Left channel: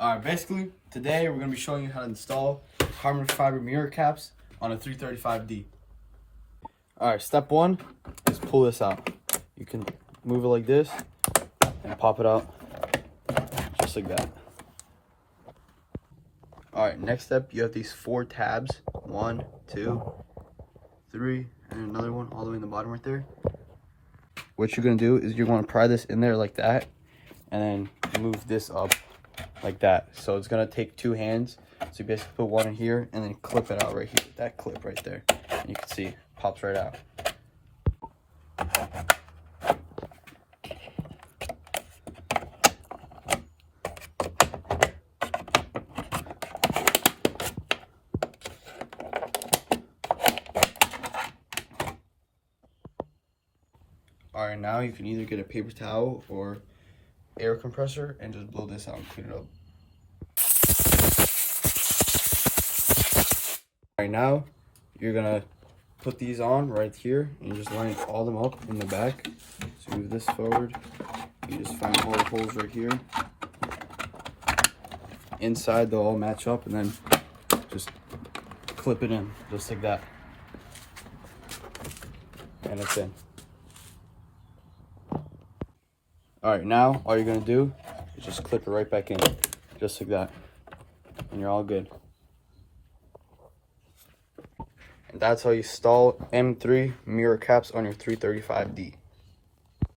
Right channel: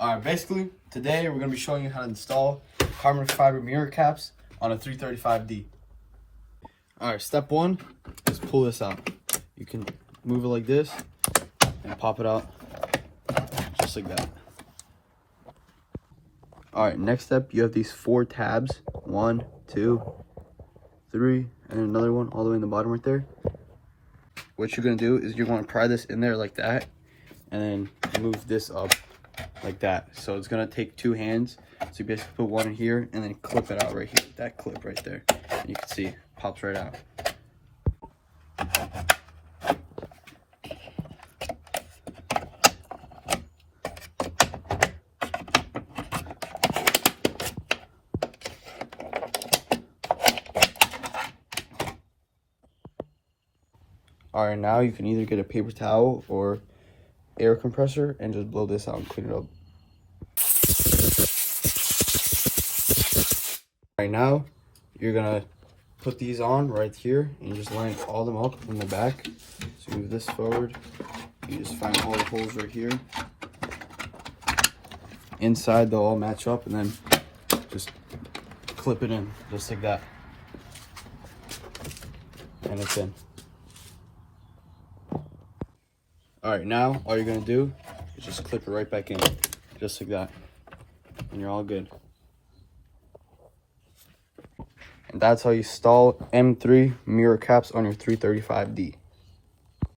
Alright, basically, today we're going to be showing you how to install carbon fiber mirror caps on a 335D. Alright, step one is pull this out. You can move it like this and pop it out just like that. Alright, next step, you have these 4 tabs. 1, 2, 3, and another one all the way in the bottom right there. What you're going to do is you're going to pry this in there like that and then move this up like that. So it's gonna take 2 hands. So you basically put one in here and then clip it out right here. That clip right there. And you can see it pops right out. Alright, now you can either get a paper towel or air compressor and just blow this out and clean it up. Right now, you're gonna put these on right here and just line all them up in the back. So move this forward. You just find all the holes right here. Inside they'll all match up and then just clip it in just like that. And it's in. Alright, now all you're gonna do is just clip it right back in, just like that, and you're all good. And that's how you install M3 mirror caps on your 335D.